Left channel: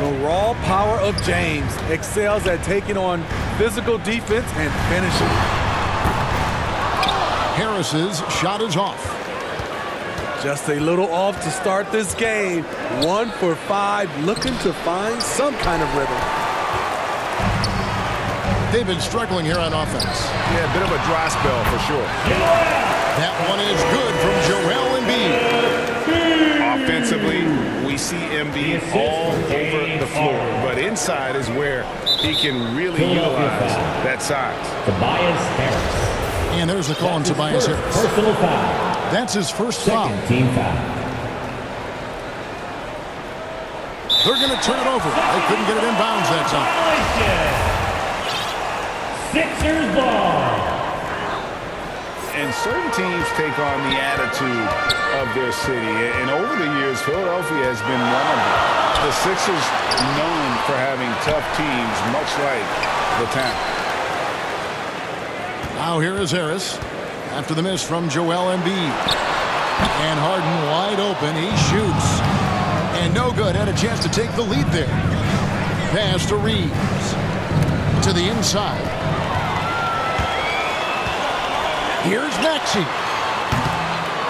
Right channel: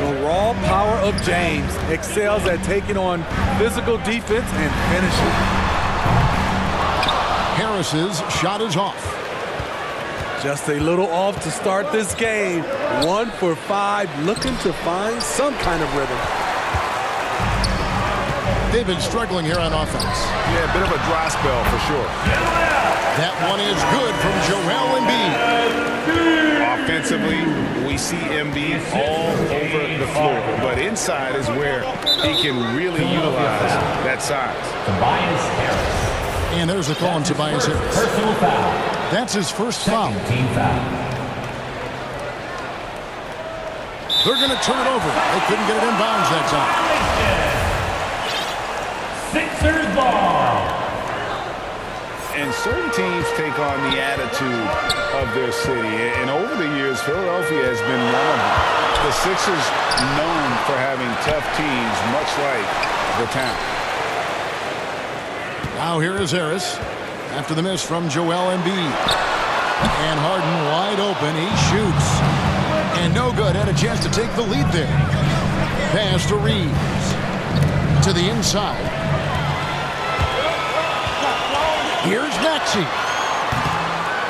The raw power of James excels at taking on physical defense and finishing. Harris's shot is off. Just a little off to start this game. 1 for 5, looking to find some kind of rhythm. They've been struggling here on offense. Yeah, a bit of a dry spell for sure. That one is good from Joel Embiid. Offensively, we see Embiid all over the floor, but inside is where he can really utilize that size. Tobias Harris. And there's a call on Tobias Harris. Personal foul. That's his first foul. Team foul. They're going to turn it over. They couldn't get it in bounds that time. Sixers ball. And certain teams take on the attitude of their city. And over the years, Philadelphia has been one of them. The Sixers known for having tough teams, much like the town. Now here is Harris after the miss from Joel Embiid. And Harden wide open. He shoots. And no good. Had a chance to take the lead there. Pass to Reeves. To the inside. Here's Maxey.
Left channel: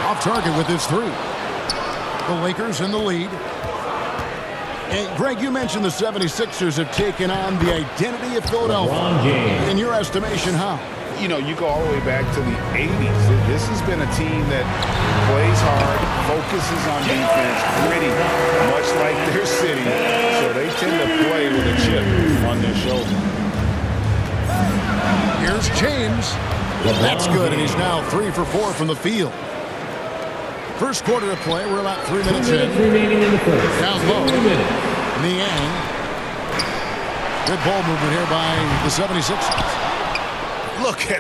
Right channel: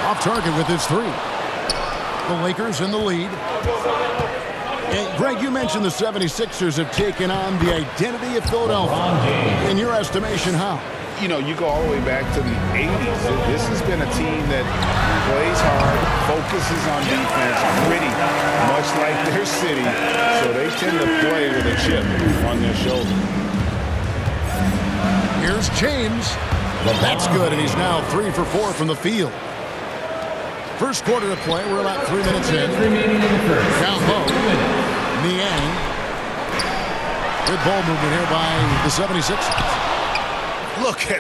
Off target with his 3. The Lakers in the lead. And Greg, you mentioned the 76ers have taken on the identity of Philadelphia. In your estimation, how? You know, you go all the way back to the 80s. This has been a team that plays hard, focuses on defense, gritty, much like their city. So they tend to play with a chip on their shoulder. Here's James. That's good, and he's now 3 for 4 from the field. First quarter of play. We're about 3 minutes in. Remaining in the first. Down low. Niang. Good ball movement here by the 76ers. Look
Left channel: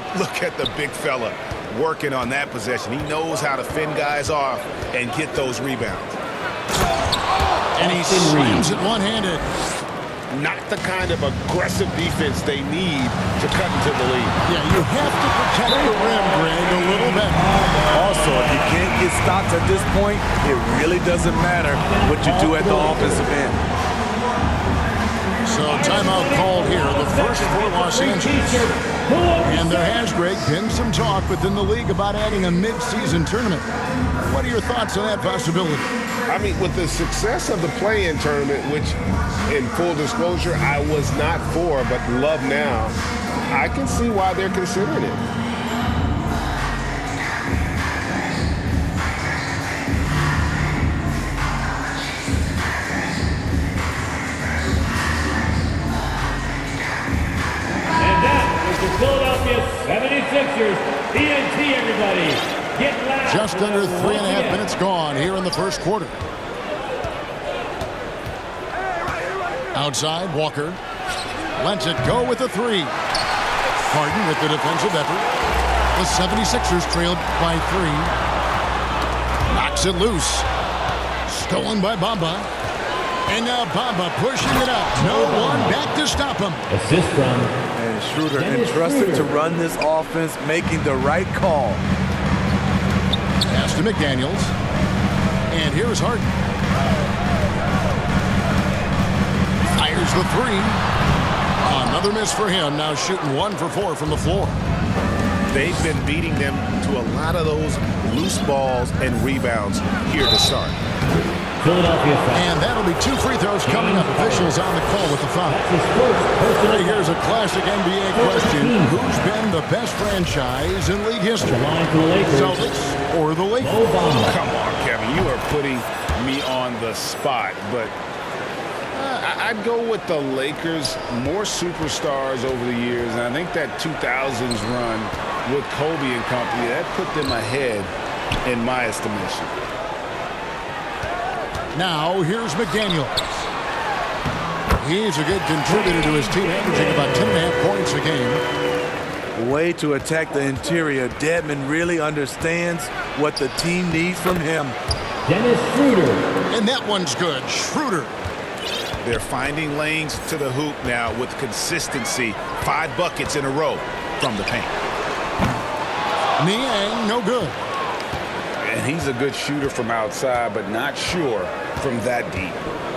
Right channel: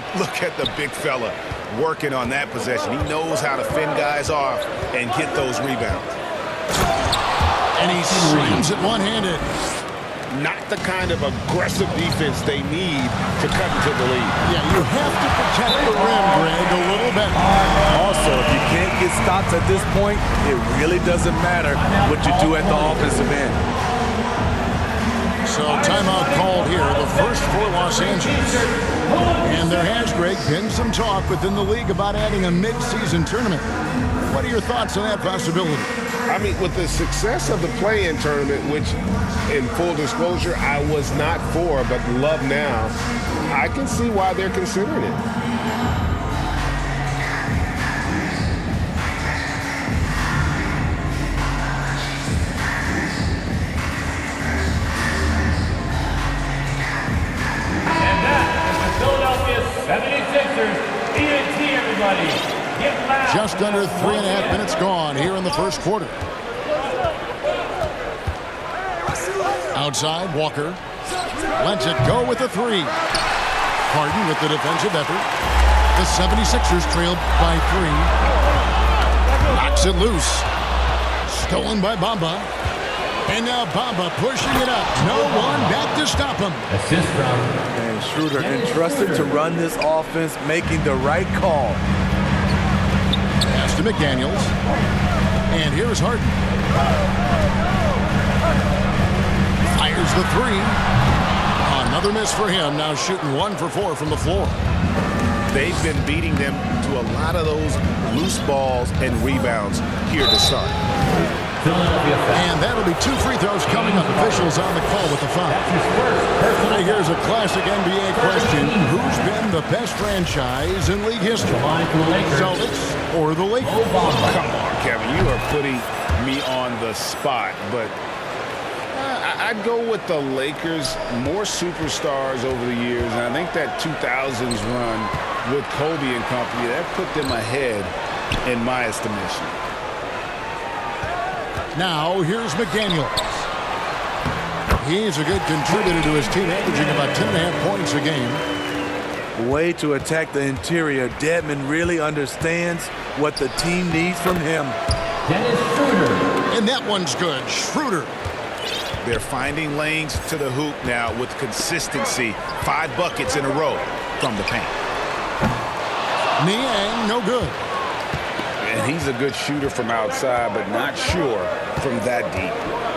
at the big fella working on that possession. He knows how to fend guys off and get those rebounds. And he slams it one-handed. Not the kind of aggressive defense they need to cut into the lead. Yeah, you have to protect the rim, Greg, a little bit. Also, if you can't get stops at this point, it really doesn't matter what you do at the offensive end. So timeout called here, the first for Los Angeles. And there has, Greg, been some talk within the league about adding a mid-season tournament. What are your thoughts on that possibility? I mean, with the success of the play-in tournament, which, in full disclosure, I was not for, but love now, I can see why they're considering it. And that is the Philadelphia 76ers. ENT, everybody. Get loud. Just under 3.5 minutes gone here in the first quarter. Outside, Walker lets it go with a 3. Harden with the defensive effort. The 76ers trailed by 3. Knocks it loose. Stolen by Bamba. And now Bamba pushing it up. No one back to stop him. Assist from And Schroeder entrusted to run this offense, making the right call. Pass to McDaniels. And here's Harden. Fires the 3. Another miss for him. Now shooting 1 for 4 from the floor. They've been beating them to a lot of those loose balls and rebounds here to start. Philadelphia foul. And that'll be 2 free throws coming up. Officials on the call with the foul. That's his first personal Hey, here's a foul. classic NBA question. Who's been the best franchise in league history? The line to the Lakers. Celtics or the Lakers? Obama. Come on, Kevin. You are putting me on the spot, but I'd go with the Lakers. More superstars over the years, and I think that 2000s run with Kobe and company, that put them ahead in my estimation. Now, here's McDaniels. He's a good contributor to his team, averaging about 10.5 points a game. Way to attack the interior. Dedmon really understands what the team needs from him. Dennis Schroeder. And that one's good. Schroeder. They're finding lanes to the hoop now with consistency. 5 buckets in a row from the paint. Niang, no good. And he's a good shooter from outside, but not sure from that deep.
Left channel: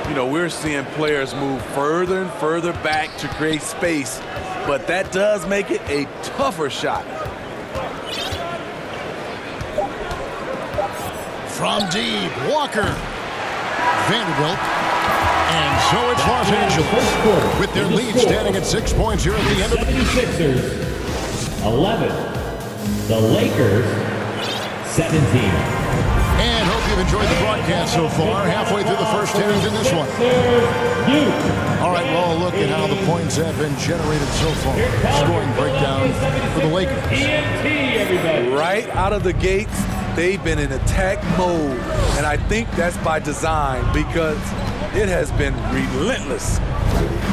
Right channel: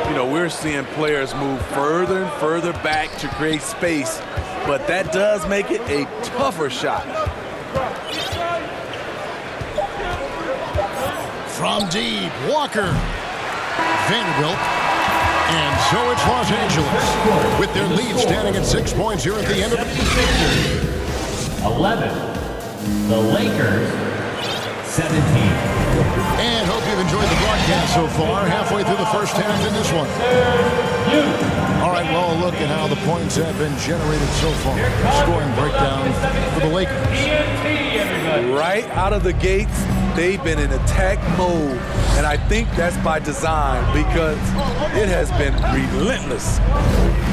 You know, we're seeing players move further and further back to create space, but that does make it a tougher shot. From deep, Walker. Vanderbilt. And so it's Los Angeles with their lead standing at 6 points here at the end of the 76ers 11. The Lakers 17. And hope you've enjoyed the broadcast so far. Halfway through the first innings in this one. All right, well, a look at how the points have been generated so far. Scoring breakdown for the Lakers. Right out of the gates, they've been in attack mode. And I think that's by design because it has been relentless.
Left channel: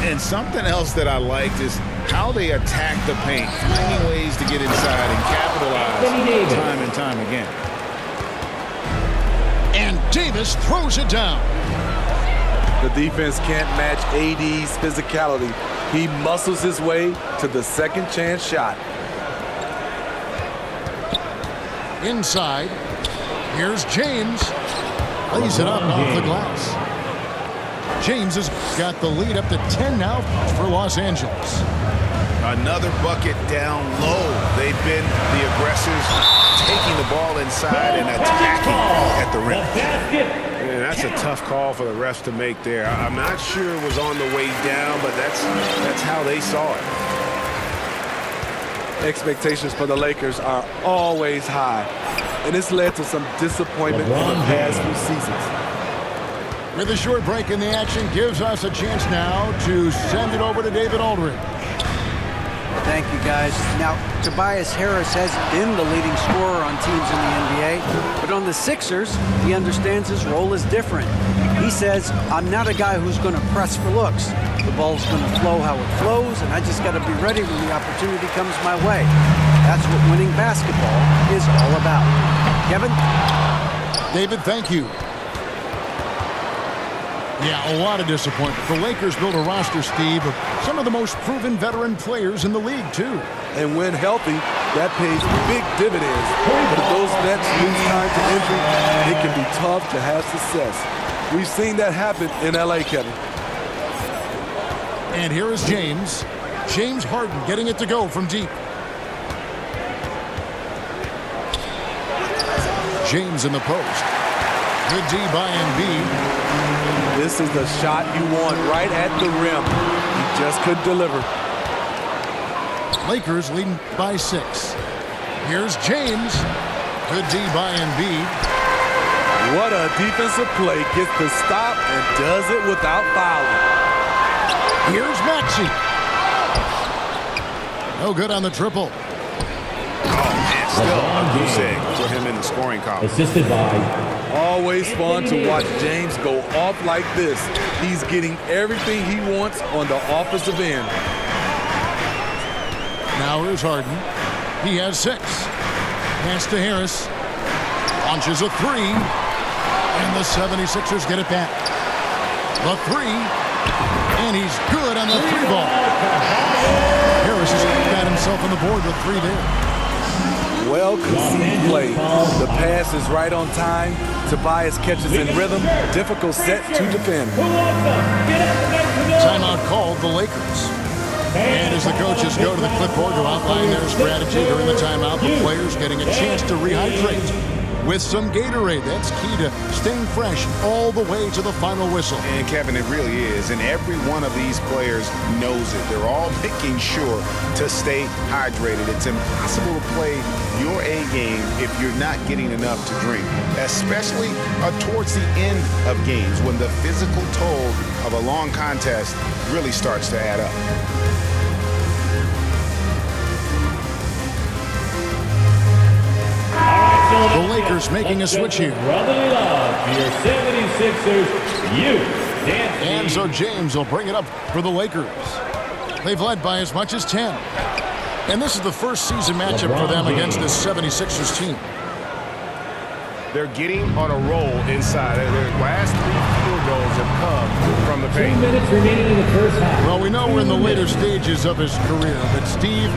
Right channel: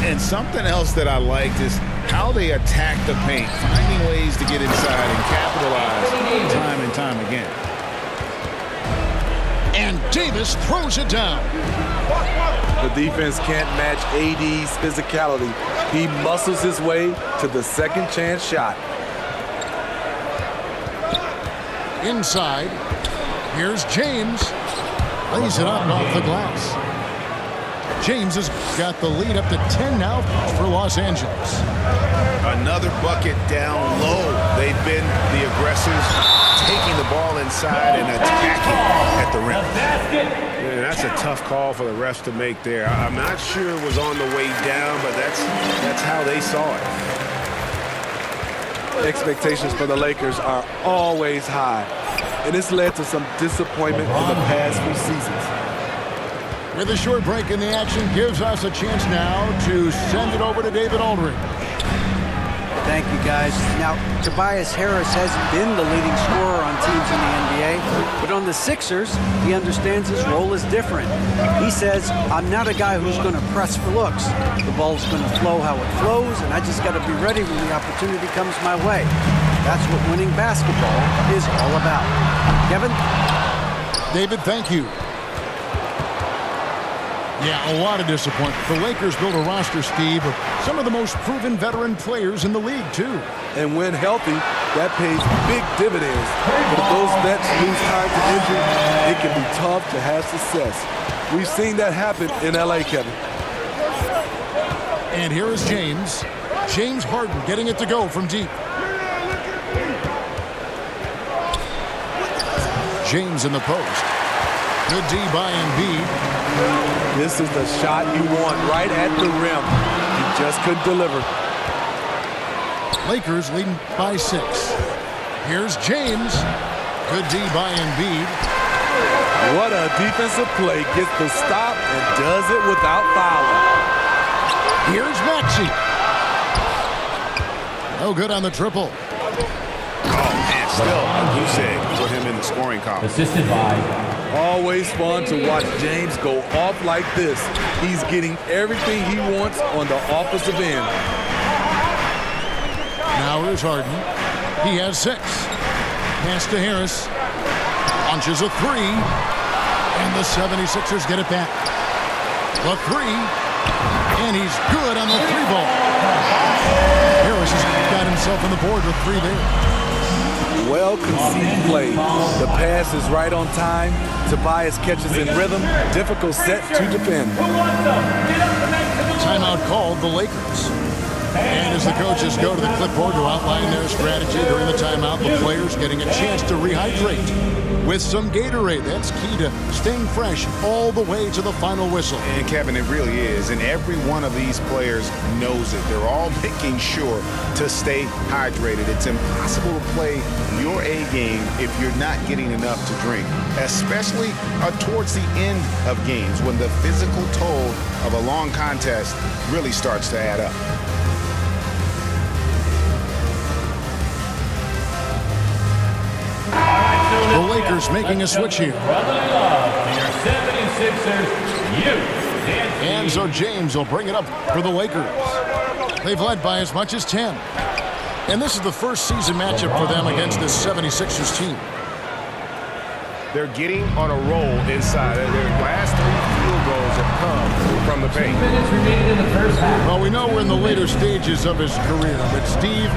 And something else that I liked is how they attack the paint, finding ways to get inside and capitalize time and time again. And Davis throws it down. The defense can't match AD's physicality. He muscles his way to the second chance shot. Inside, here's James. Lays it up off the glass. James has got the lead up to 10 now for Los Angeles. Another bucket down low. They've been the aggressors, taking the ball inside and attacking at the rim. Yeah, that's a tough call for the refs to make there. I'm not sure it was on the way down, but that's how they saw it. Expectations for the Lakers are always high, and it's led to some disappointment in the past few seasons. With a short break in the action, gives us a chance now to send it over to David Aldridge. Thank you, guys. Now, Tobias Harris has been the leading scorer on teams in the NBA, but on the Sixers, he understands his role is different. He says, I'm not a guy who's going to press for looks. The ball's going to flow how it flows, and I just got to be ready when the opportunity comes my way. That's what winning basketball is all about. Kevin? David, thank you. Yeah, a lot of disappointment. The Lakers built a roster, Steve, of some of the most proven veteran players in the league, too. And when healthy, that pays big dividends. But if those vets lose time to injury, it can be tough to have success. We've seen that happen in LA, Kevin. And here is James. James Harden getting it to go from deep. James in the post. Good D by Embiid. This is the shot you want right at the rim. He just couldn't deliver. Lakers leading by 6. Here's James. Good D by Embiid. What a defensive play. Gets the stop and does it without fouling. Here's Maxey. No good on the triple. Oh, man, still a goose egg for him in the scoring column. Assisted by Always fun to watch James go off like this. He's getting everything he wants on the offensive end. Now here's Harden. He has 6. Pass to Harris. Launches a 3. And the 76ers get it back. The 3. And he's good on the 3 ball. Harris has got himself on the board with 3 there. Well-conceived play. The pass is right on time. Tobias catches in rhythm. Difficult set to defend. Timeout called the Lakers. And as the coaches go to the clipboard to outline their strategy during the timeout, the players getting a chance to rehydrate with some Gatorade. That's key to staying fresh all the way to the final whistle. And Kevin, it really is. And every one of these players knows it. They're all making sure to stay hydrated. It's impossible to play your A game if you're not getting enough to drink, especially towards the end of games when the physical toll of a long contest really starts to add up. The Lakers making a switch here. Brotherly love for your 76ers, And so James will bring it up for the Lakers. They've led by as much as 10. And this is the first season matchup for them against this 76ers team. They're getting on a roll inside. Their last 3 field goals have come from the paint. 2 minutes remaining in the first half. Well, we know we're in the later stages of his career, but Steve,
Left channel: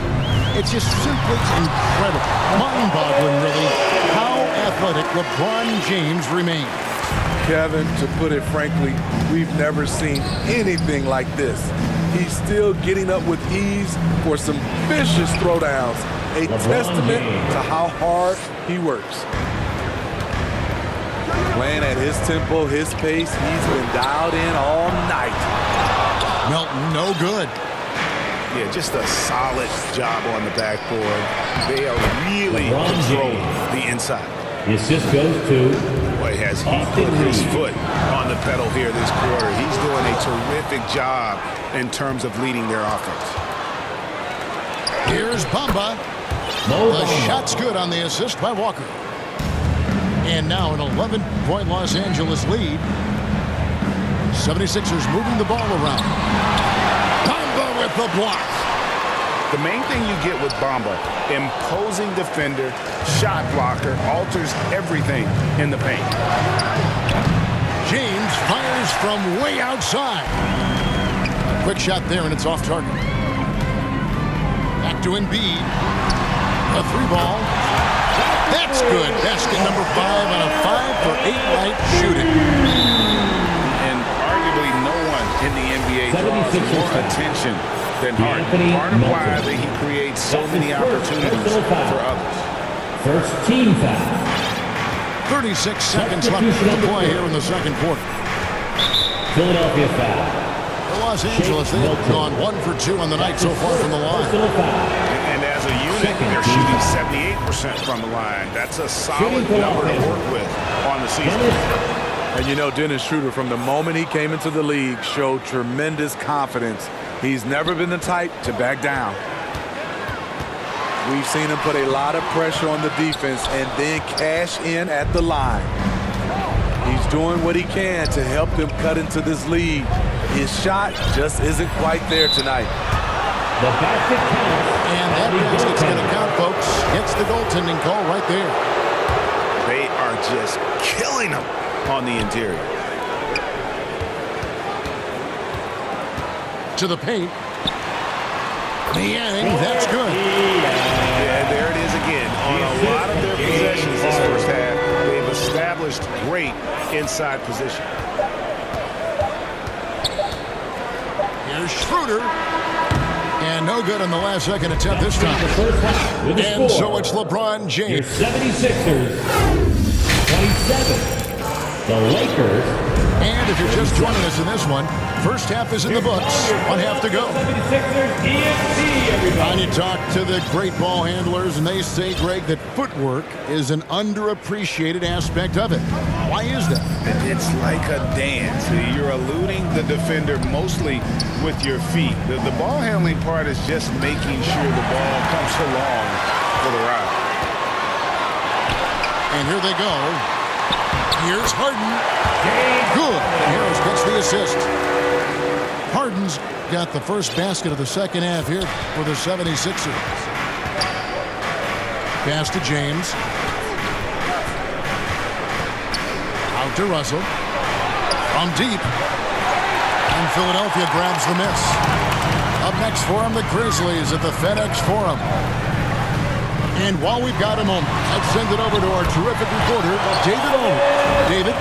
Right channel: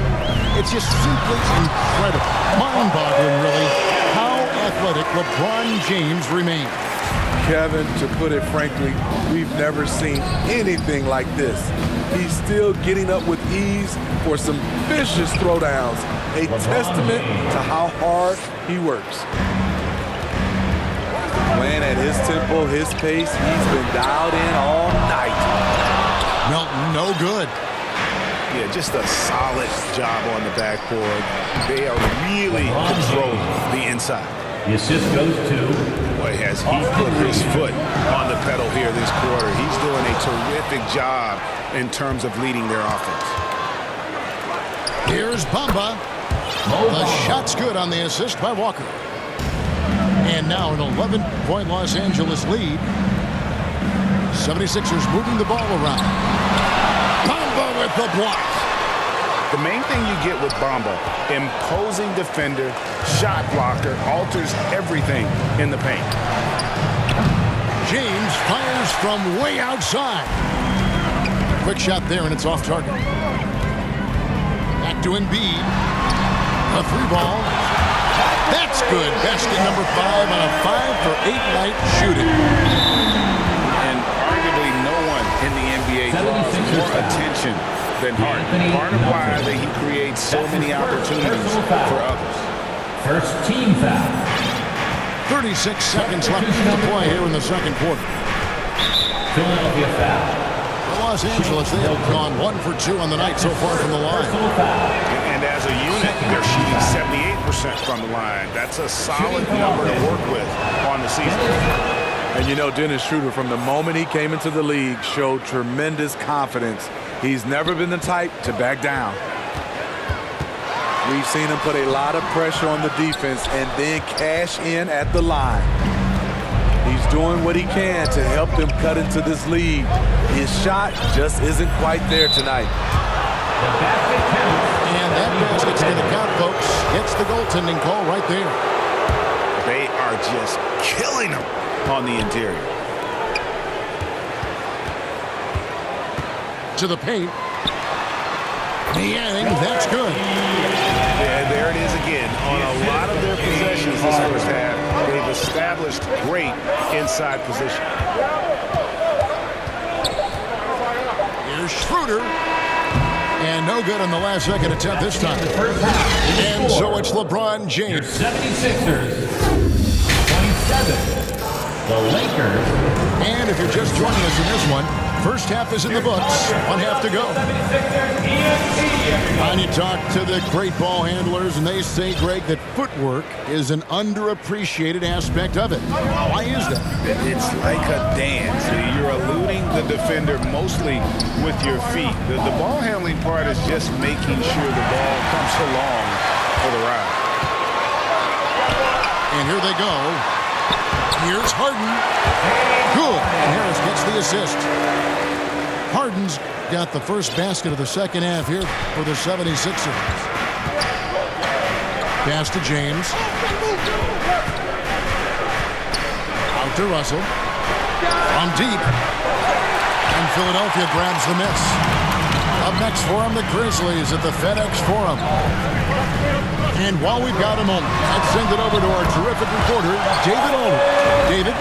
it's just simply incredible, mind-boggling really, how athletic LeBron James remains. Kevin, to put it frankly, we've never seen anything like this. He's still getting up with ease for some vicious throwdowns, a testament to how hard he works. Playing at his tempo, his pace, he's been dialed in all night. Melton, no good. Yeah, just a solid job on the backboard. They are really controlling the inside. The assist goes to Boy, has he put his foot on the pedal here this quarter. He's doing a terrific job in terms of leading their offense. Here's Bamba. The shot's good on the assist by Walker. And now an 11-point Los Angeles lead. 76ers moving the ball around. Bamba with the block. The main thing you get with Bamba, imposing defender, shot blocker, alters everything in the paint. James fires from way outside. A quick shot there, and it's off target. Back to Embiid. A 3-ball. That's good. Basket number 5 on a 5-for-8 night shooting. And arguably no one in the NBA draws more attention than Harden. Part of why that he creates so many opportunities for others. first team foul. 36 seconds left to play here in the second quarter. Philadelphia foul. For Los Angeles, they have gone 1 for 2 on the night so far from the line. Personal foul. And as a unit, they're shooting 78% from the line. That's a solid number to work with on the season. And you know, Dennis Schroeder, from the moment he came into the league, showed tremendous confidence. He's never been the type to back down. We've seen him put a lot of pressure on the defense and then cash in at the line. He's doing what he can to help them cut into this lead. His shot just isn't quite there tonight. The basket counts. And that basket's going to count, folks. Gets the goaltending call right there. They are just killing them on the interior. To the paint. Niang, that's good. Yeah, there it is again. On a lot of their possessions this first half, they've established great inside position. Here's Schroeder. And no good on the last second attempt this time. And so it's LeBron James. 76ers, 27. The Lakers. And if you're just joining us in this one, first half is in the books. 1 half to go. 76ers EFC, everybody. And you talk to the great ball handlers, and they say, Greg, that footwork is an underappreciated aspect of it. Why is that? It's like a dance. You're eluding the defender mostly with your feet. The ball handling part is just making sure the ball comes along for the ride. And here they go. Here's Harden. Good. And Harris gets the assist. Harden's got the first basket of the second half here for the 76ers. Pass to James. Out to Russell. From deep. And Philadelphia grabs the miss. Up next for them, the Grizzlies at the FedEx Forum. And while we've got a moment, let's send it over to our terrific reporter, David Aldridge. David?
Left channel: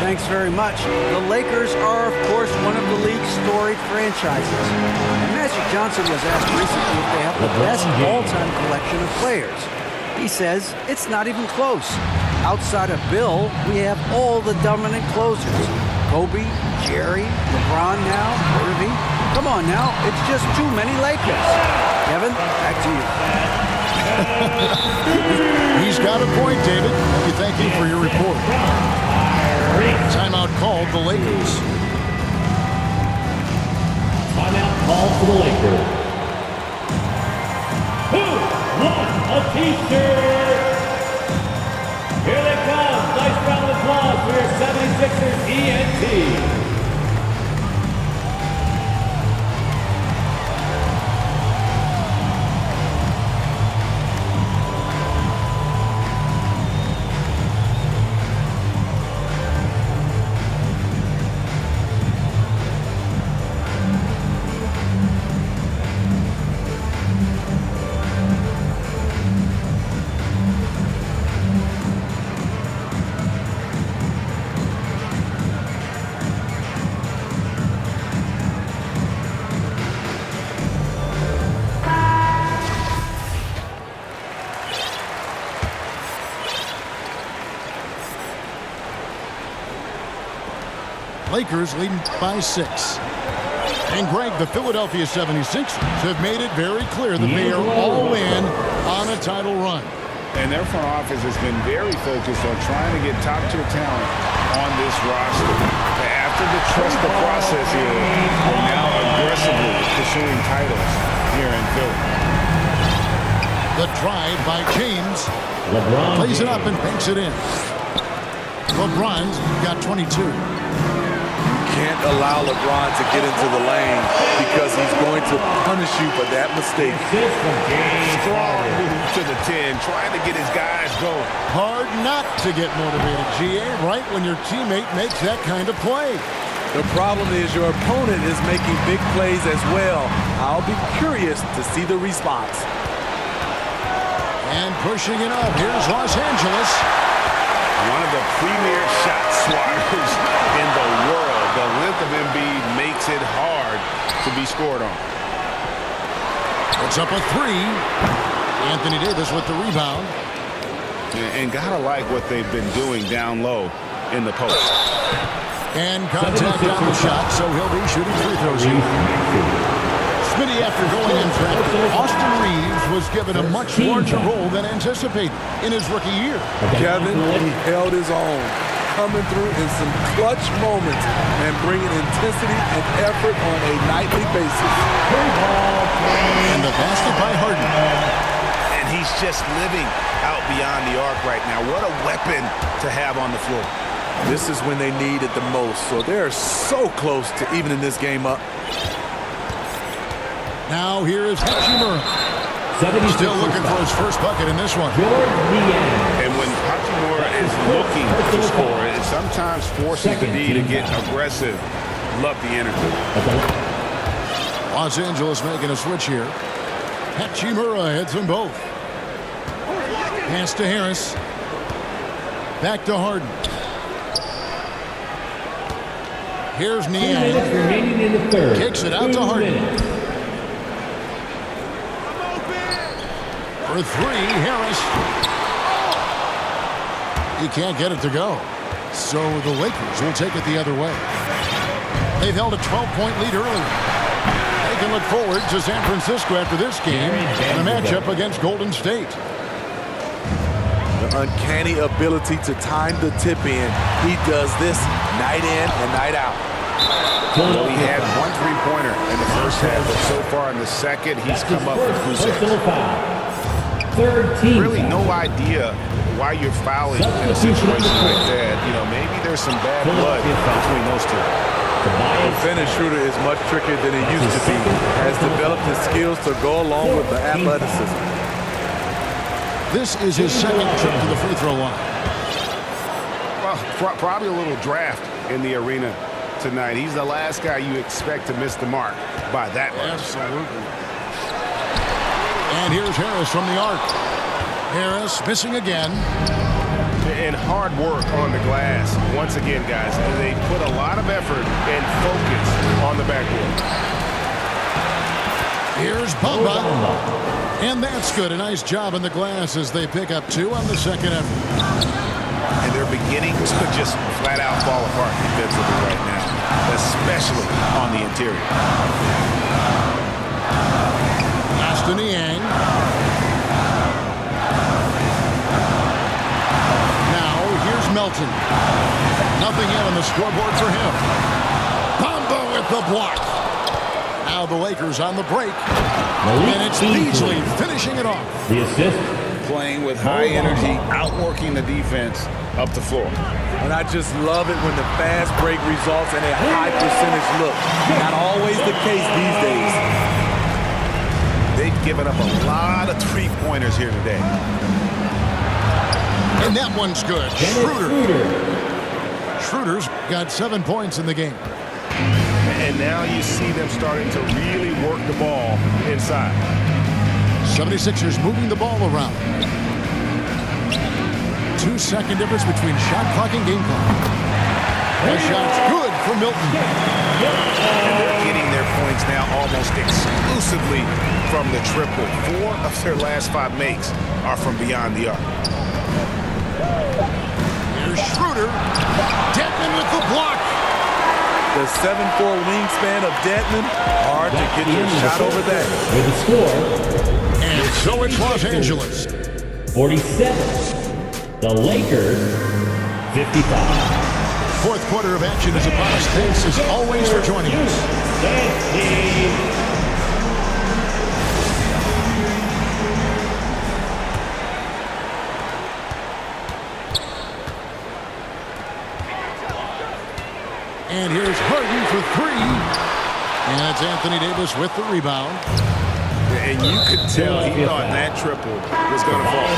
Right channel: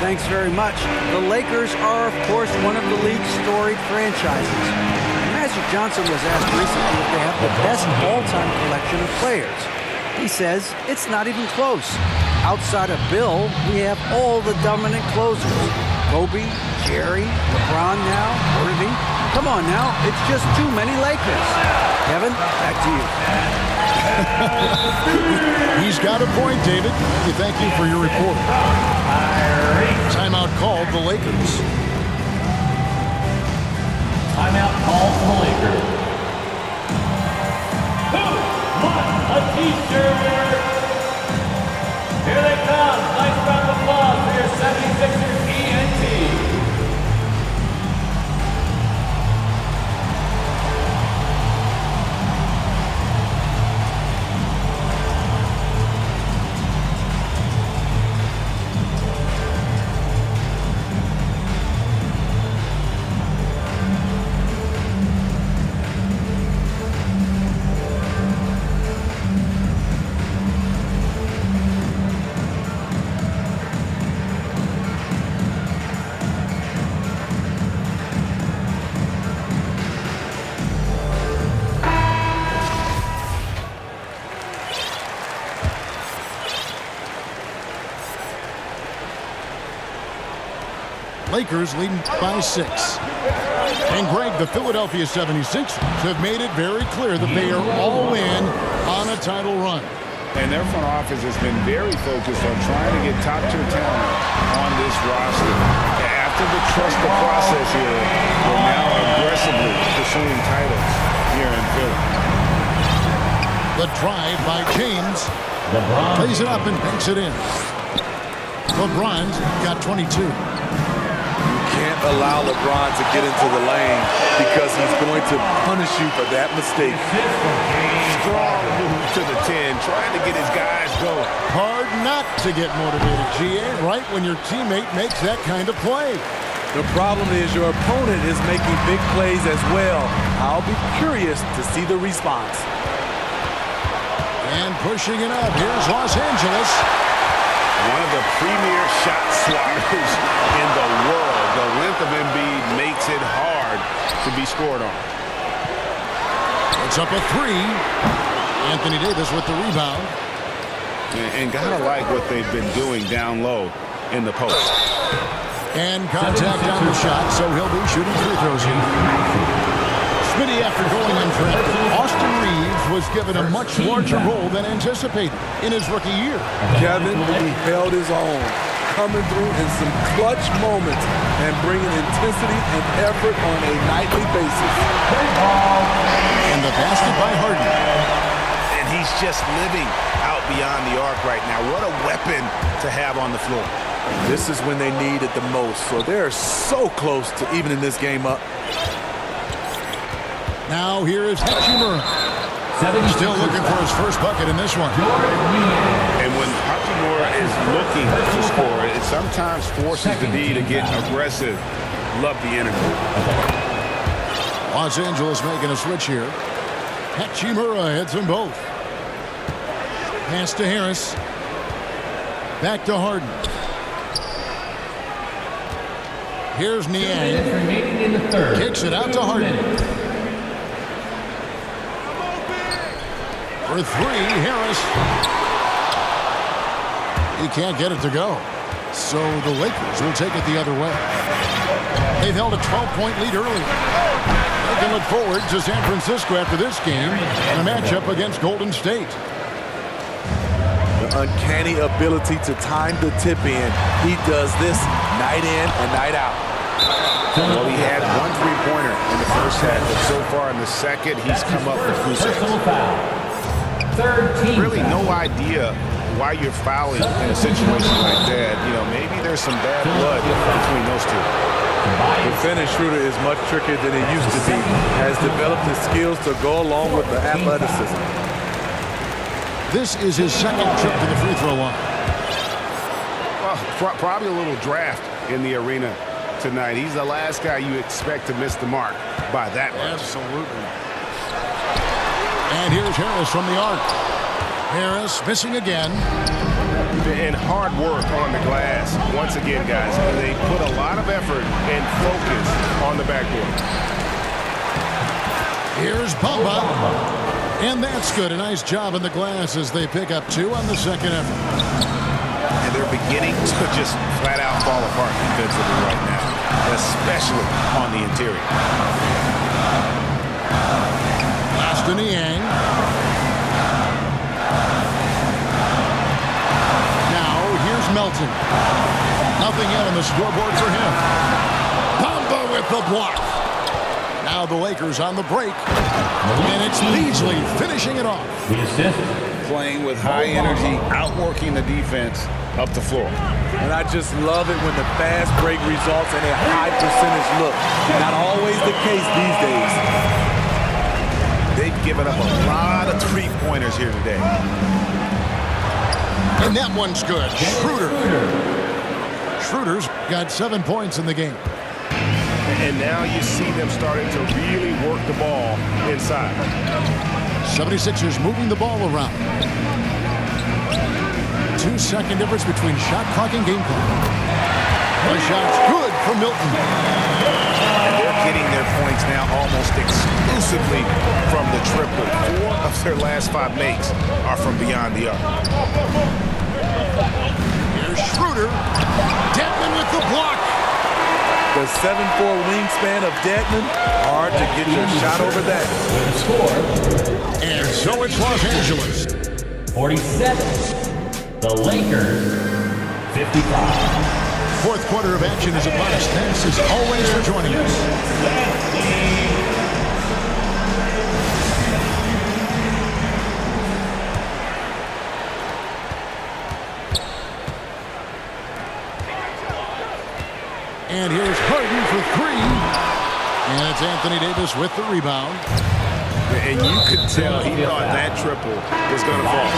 Thanks very much. The Lakers are, of course, one of the league's storied franchises. And Magic Johnson was asked recently if they have the best all-time collection of players. He says it's not even close. Outside of Bill, we have all the dominant closers. Kobe, Jerry, LeBron now, Worthy. Come on now, it's just too many Lakers. Kevin, back to you. He's got a point, David. We thank you for your report. Timeout called the Lakers. Timeout call for the Lakers. Who wants a t-shirt? Here they come. Nice round of applause for your 76ers ENT. Lakers leading by 6. And Greg, the Philadelphia 76ers have made it very clear that they are all in on a title run. And their front office has been very focused on trying to get top-tier talent on this roster. After the trust the process here, we're now aggressively pursuing titles here in Philly. The drive by James. LeBron Plays it up and banks it in. LeBron's got 22. Can't allow LeBron to get into the lane because he's going to punish you for that mistake. Assist from James Strong Harden. move to the 10, trying to get his guys going. Hard not to get motivated, GA, right when your teammate makes that kind of play. The problem is your opponent is making big plays as well. I'll be curious to see the response. And pushing it up, here's Los Angeles. One of the premier shot swatters in the world. The length of Embiid makes it hard to be scored on. Puts up a 3. Anthony Davis with the rebound. And gotta like what they've been doing down low in the post. And contact on the shot, so he'll be shooting free throws here. Smitty, after going undrafted, Austin Reeves was given a much larger role than anticipated in his rookie year. Kevin, he held his own, coming through in some clutch moments and bringing intensity and effort on a nightly basis. And the basket by Harden. And he's just living out beyond the arc right now. What a weapon to have on the floor. This is when they need it the most, so they're so close to evening this game up. Now here is Hachimura. Still looking for his first bucket in this one. And when Hachimura is looking to score, it sometimes forces the D to get aggressive. Love the energy. Los Angeles making a switch here. Hachimura heads them both. Pass to Harris. Back to Harden. Here's Niang. Remaining in the third. Kicks it out to Harden. For 3, Harris. He can't get it to go. So the Lakers will take it the other way. They've held a 12-point lead earlier. They can look forward to San Francisco after this game in a matchup against Golden State. The uncanny ability to time the tip in. He does this night in and night out. Well, he had 1 3-pointer in the first half, but so far in the second, he's come up with goose eggs. Third team. Really no idea why you're fouling in a situation like that. You know, maybe there's some bad blood between those two. The finish shooter is much trickier than it used to be. Has developed his skills to go along with the athleticism. This is his second trip to the free throw line. Well, probably a little draft in the arena tonight. He's the last guy you expect to miss the mark by that much. Absolutely. And here's Harris from the arc. Harris missing again. And hard work on the glass. Once again, guys, they put a lot of effort and focus on the backboard. Here's Bamba. And that's good. A nice job on the glass as they pick up 2 on the second effort. And they're beginning to just flat out fall apart defensively right now, especially on the interior. Last to Niang. Now here's Melton. Nothing yet on the scoreboard for him. Bamba with the block. Now the Lakers on the break. And it's Beasley finishing it off. The assist. Playing with high energy, outworking the defense up the floor. And I just love it when the fast break results in a high percentage look. Not always the case these days. They've given up a lot of three-pointers here today. And that one's good. Schroeder's got 7 points in the game. And now you see them starting to really work the ball inside. 76ers moving the ball around. 2-second difference between shot clock and game clock. The shot's good for Milton. And they're getting their points now almost exclusively from the triple. 4 of their last 5 makes are from beyond the arc. Here's Schroeder. Dedmon with the block. The 7'4" wingspan of Dedmon, hard to get your shot over that. With the score, And so it's Los Angeles. 47. The Lakers, 55. Fourth quarter of action is upon us. Thanks as always for joining us. And here's Harden for three. And it's Anthony Davis with the rebound. And you could tell he thought that triple was going to fall.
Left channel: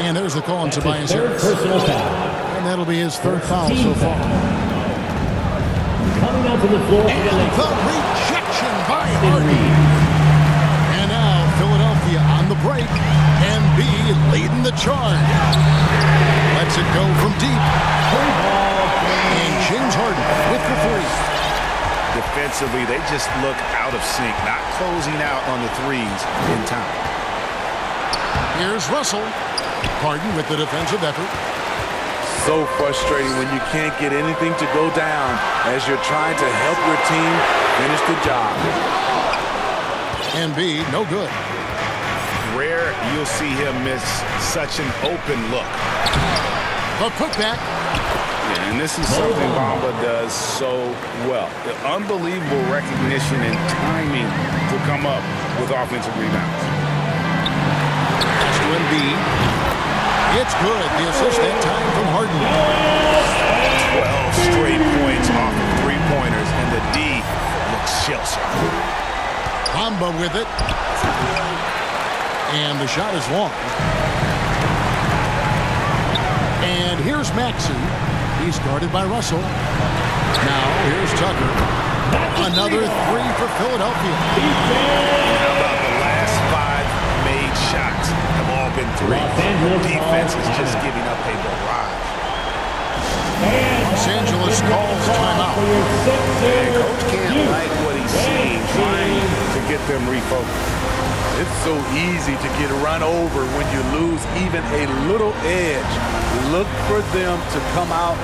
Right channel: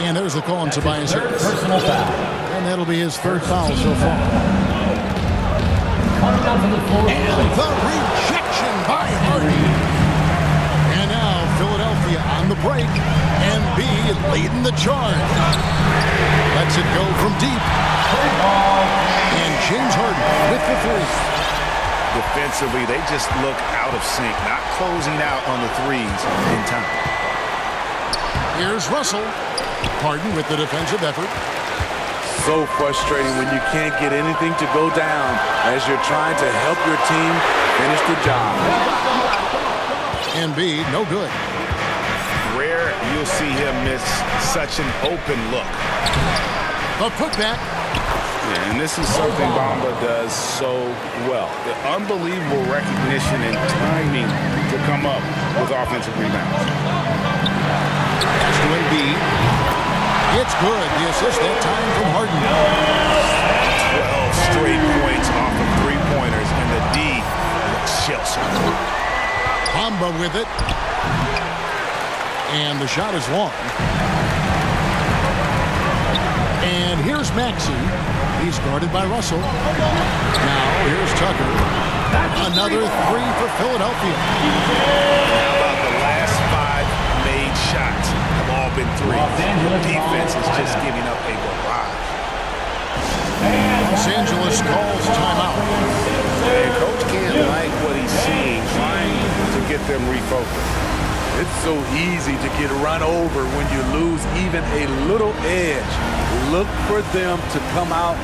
And there's the call on Tobias Harris. Personal foul. And that'll be his third foul so far. Coming out to the floor. And the rejection by Harden. And now Philadelphia on the break. Embiid leading the charge. Lets it go from deep. And James Harden with the three. Defensively, they just look out of sync, not closing out on the threes in time. Here's Russell. Harden with the defensive effort. So frustrating when you can't get anything to go down as you're trying to help your team finish the job. Embiid, no good. Rare you'll see him miss such an open look. The putback. Yeah, and this is something Bamba does so well. The unbelievable recognition and timing to come up with offensive rebounds. Pass to Embiid. It's good. The assist that time from Harden. 12 straight points off of three-pointers, and the D looks shell-shocked. Bamba with it. And the shot is long. And here's Maxey. He's guarded by Russell. Now here's Tucker. Another three for Philadelphia. How about the last 5 made shots have all been threes? The defense is just giving up a barrage. Los Angeles calls timeout. And coach can't like what he's seeing, trying to get them refocused. It's so easy to get run over when you lose even a little edge. Look for them to come out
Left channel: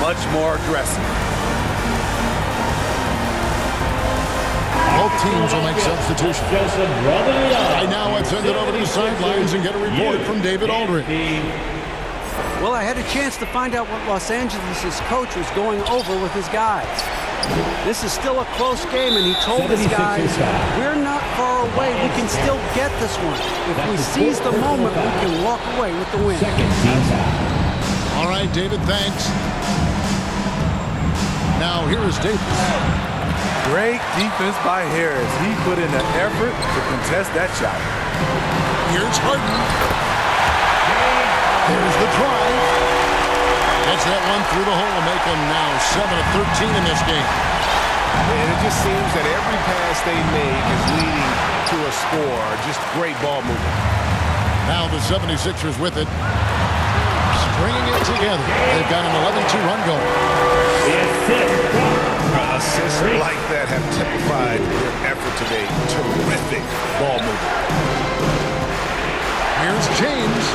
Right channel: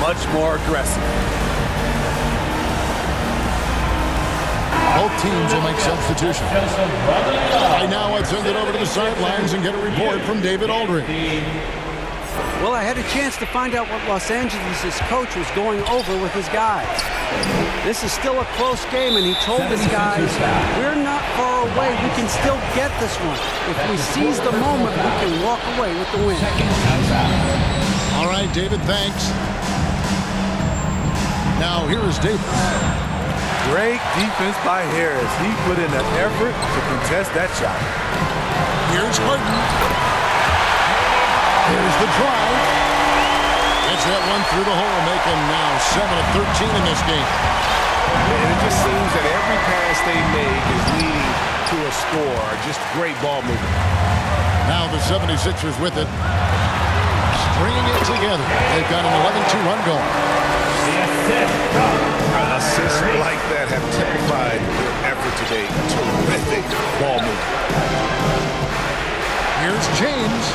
much more aggressive. Both teams will make substitutions. Right now, I've sent it over to the sidelines and get a report from David Aldridge. Well, I had a chance to find out what Los Angeles' coach was going over with his guys. This is still a close game, and he told his guys, we're not far away. We can still get this one. If we seize the moment, we can walk away with the win. All right, David, thanks. Now, here is Davis. Great defense by Harris. He put in the effort to contest that shot. Here's Harden. Here's the drive. Gets that one through the hole, make him now 7 of 13 in this game. And it just seems that every pass they make is leading to a score. Just great ball movement. Now the 76ers with it. Stringing it together. They've got an 11-2 run going. Assists like that have typified their effort today. Terrific ball movement. Here's James.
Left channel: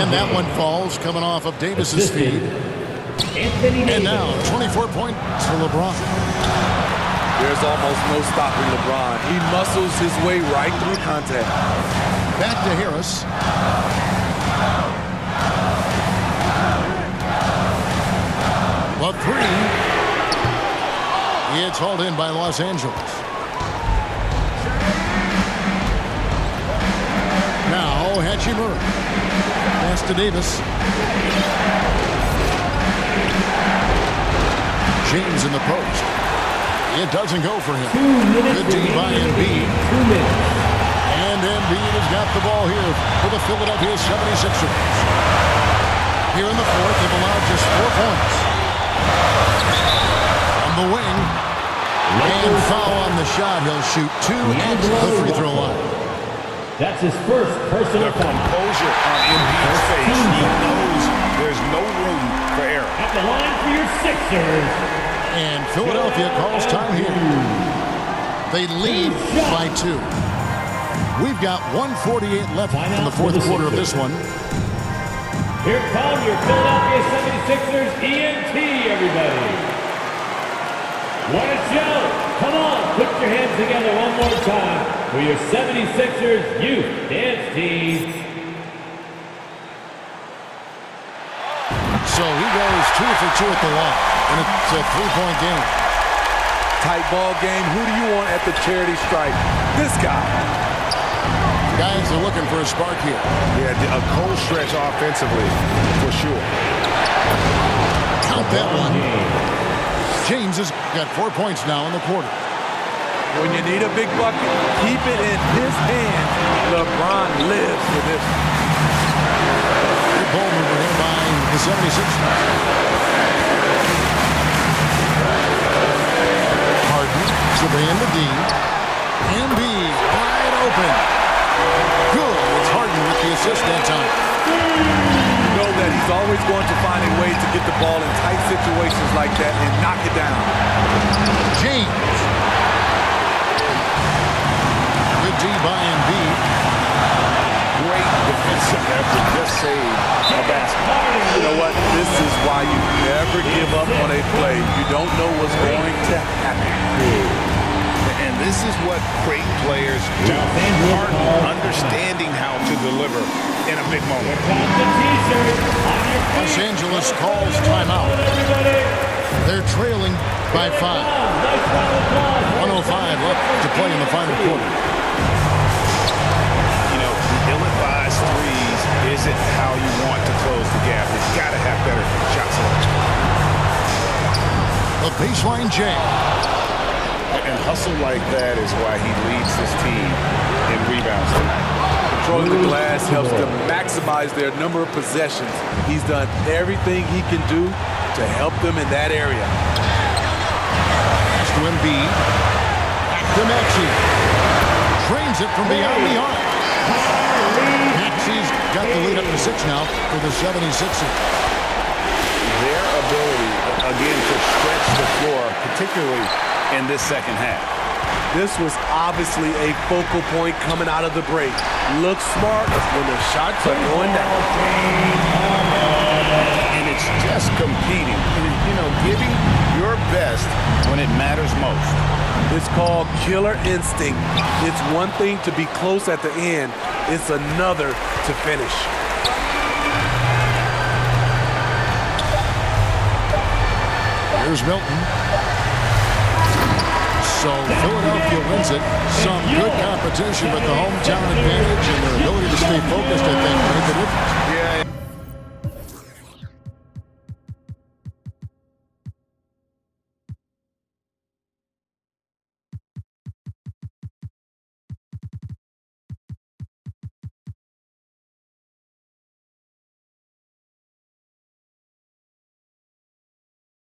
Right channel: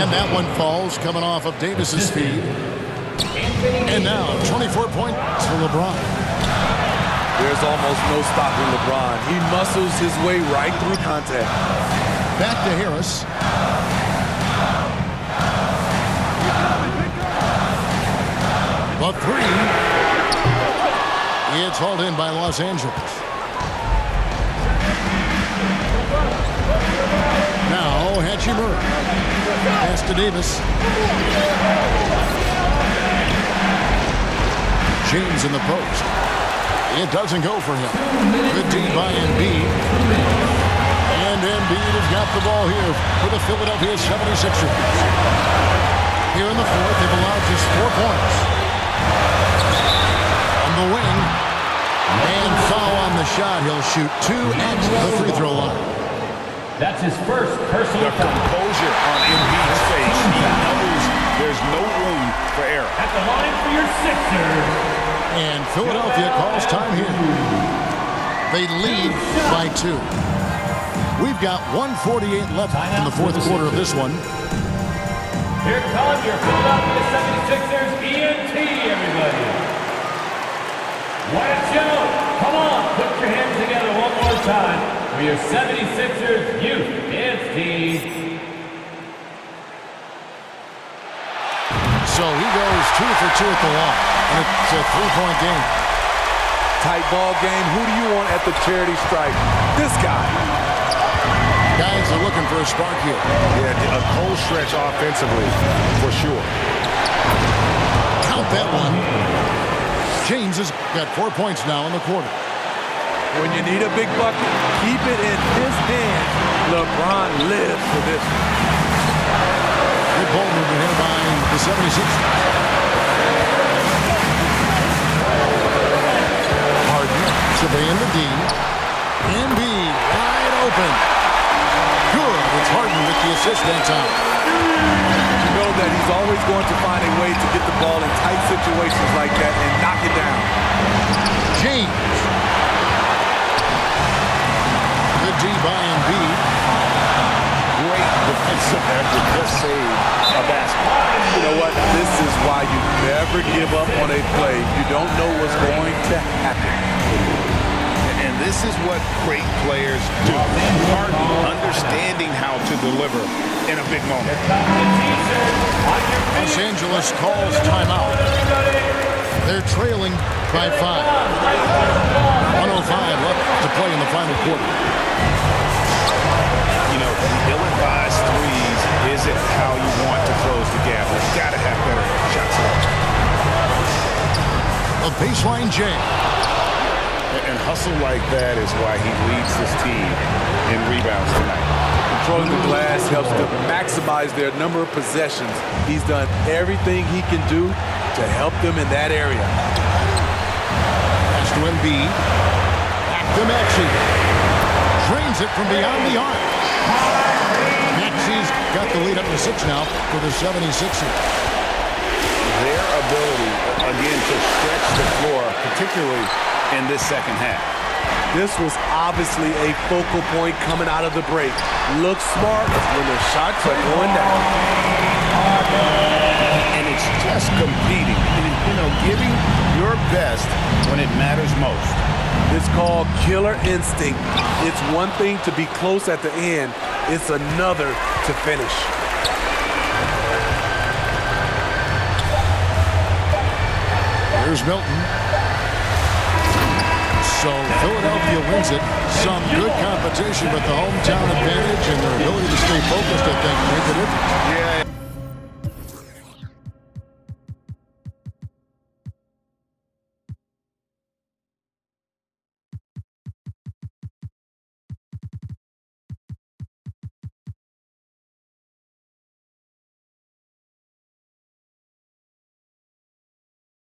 And that one falls coming off of Davis's speed. And now 24 points for LeBron. There's almost no stopping LeBron. He muscles his way right through contact. Back to Harris. The three. It's hauled in by Los Angeles. Now Hachimura. Pass to Davis. James in the post. It doesn't go for him. Good D by Embiid. And Embiid has got the ball here for the Philadelphia 76ers. Here in the fourth, they've allowed just 4 points. On the wing. And foul on the shot. He'll shoot 2 at the free throw line. That's his first personal The foul. composure on Embiid's face. He knows there's no room for error. At the line for your Sixers. And Philadelphia calls time here. They lead by 2. We've got 1:48 left in the fourth quarter of this one. Here come your Philadelphia 76ers ENT, everybody. What a show! Come on, put your hands together one more time for your 76ers Youth Dance Team. So he goes 2 for 2 at the line, and it's a 3-point game. Tight ball game. Who do you want at the charity stripe? This guy. Guys are looking for a spark here. Yeah, a cold stretch offensively, for sure. Count that one. James has got 4 points now in the quarter. When you need a big bucket, keep it in his hands. LeBron lives for this one. Good ball movement here by the 76ers. Harden surveying the D. Embiid wide open. Good. It's Harden with the assist that time. You know that he's always going to find a way to get the ball in tight situations like that and knock it down. James. Good D by Embiid. Great defensive effort. Just saved a basket. You know what? This is why you never give up on a play. You don't know what's going to happen. And this is what great players do. Harden understanding how to deliver in a big moment. Here comes the T-shirt on your feet. Los Angeles calls timeout. Everybody. They're trailing by 5. 1:05 left to play in the final quarter. You know, the ill-advised threes isn't how you want to close the gap. They've got to have better shot selection. A baseline jam. And hustle like that is why he leads this team in rebounds tonight. Controlling the glass helps them maximize their number of possessions. He's done everything he can do to help them in that area. Pass to Embiid. Back to Maxey. Drains it from beyond the arc. Maxey's got the lead up to 6 now for the 76ers. Their ability, again, to stretch the floor, particularly in this second half. This was obviously a focal point coming out of the break. Look smart when the shots are going down. And it's just competing, you know, giving your best when it matters most. It's called killer instinct. It's one thing to be close at the end. It's another to finish. Here's Milton. So Philadelphia wins it. Some good competition, but the hometown advantage and their ability to stay focused, I think, made the difference. Yeah.